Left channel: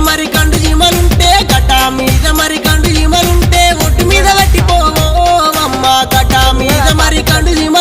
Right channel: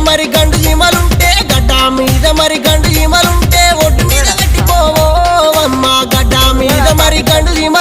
మరి గండు జీమలుంటే గడ్డ మీద మరి గండు జీమలుంటే ఒడ్డు మీద పెట్టిపోవో అమ్మ గడ్డ మీద మరి గండు జీమ